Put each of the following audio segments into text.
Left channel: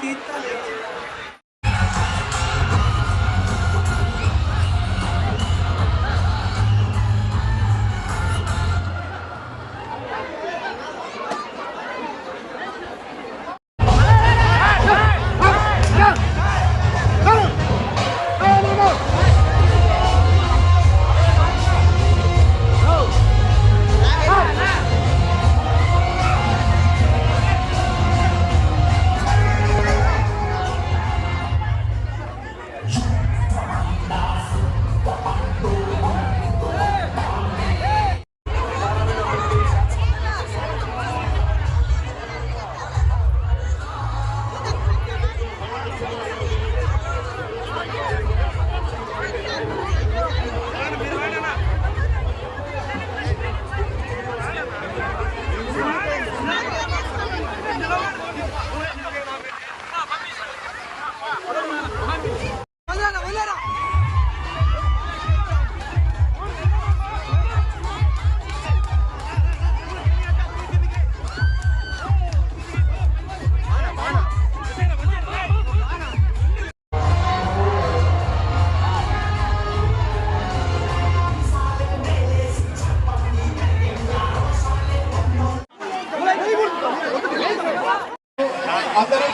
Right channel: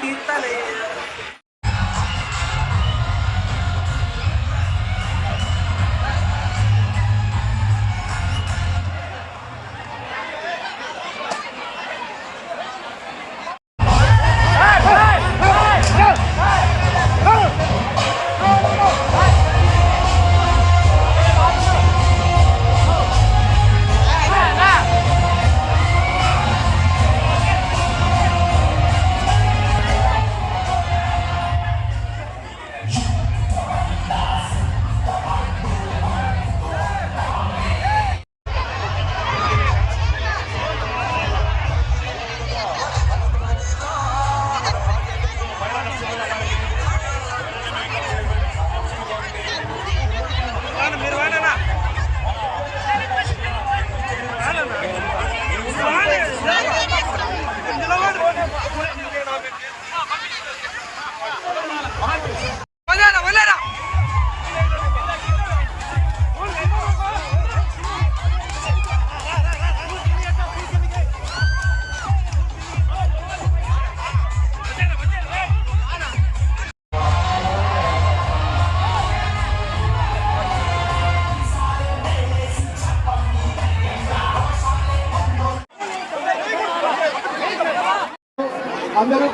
কীর্তনে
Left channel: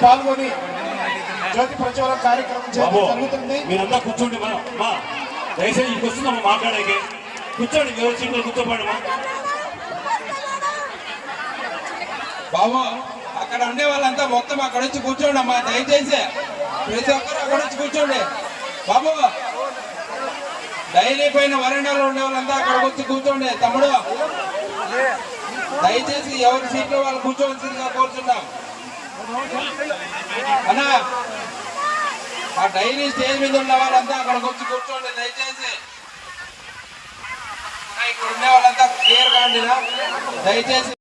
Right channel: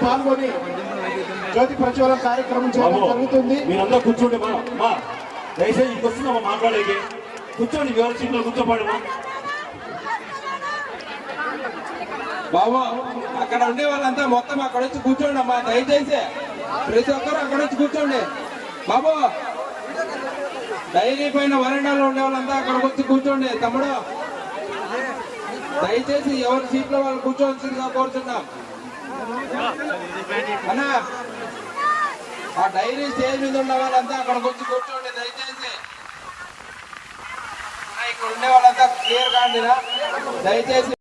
పాల్గొని జ్యోతి ప్రజ్వలన కార్యక్రమం జరుగుతుంది. మీరందరూ కూర్చోండి మా మా దయచేసి ఇంటికి వస్తుందమ్మా మాట్లాడేకి. కూర్చోండి ఎవరి సీట్లో కూర్చోపోండమ్మా బాబు అక్కడ ఉండే వాళ్ళంతా మొత్తం అక్కడ వచ్చి కూర్చోండి అమ్మా దయచేసి. ప్రతి ఒక్కరు అక్కడ వచ్చి కూర్చోండి. బాబు డైరీ పైన వరండాలో ఉండే వాళ్ళంతా అక్కడ వచ్చి కూర్చోండి తమ్ముడు. దయచేసి ఎవరి సీట్లో వాళ్ళు కూర్చోవలసిందిగా కోరుతున్నాం. అన్నా ఆ డైరీ స్టేజ్ మీద ఉన్న వాళ్ళంతా అక్కడికి వచ్చి కూర్చోండి దయచేసి. ఇక్కడ ఉండే వాళ్ళంతా క్లియర్ కాండినా దయచేసి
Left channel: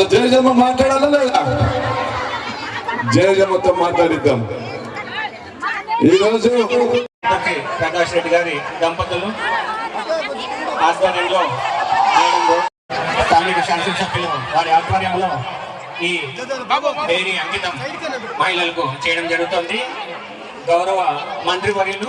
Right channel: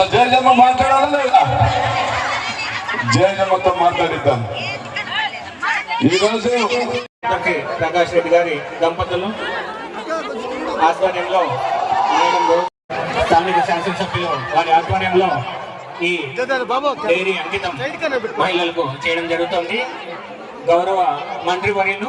మన జయజమ్మ మాట్లాడాలా లేదా జయజమ్మతో మాట్లాడిద్దాం ఈరోజు ప్రకాష్ రెడ్డి గారి దంపతులు ఆధ్వర్యంలో స్థానిక శాసనసభ్యులు వారి ఆధ్వర్యంలో ఈ డైరీ అంకితం మహిళలకు చేయడం జరుగుతుంది గౌరవ మంత్రి వర్యులు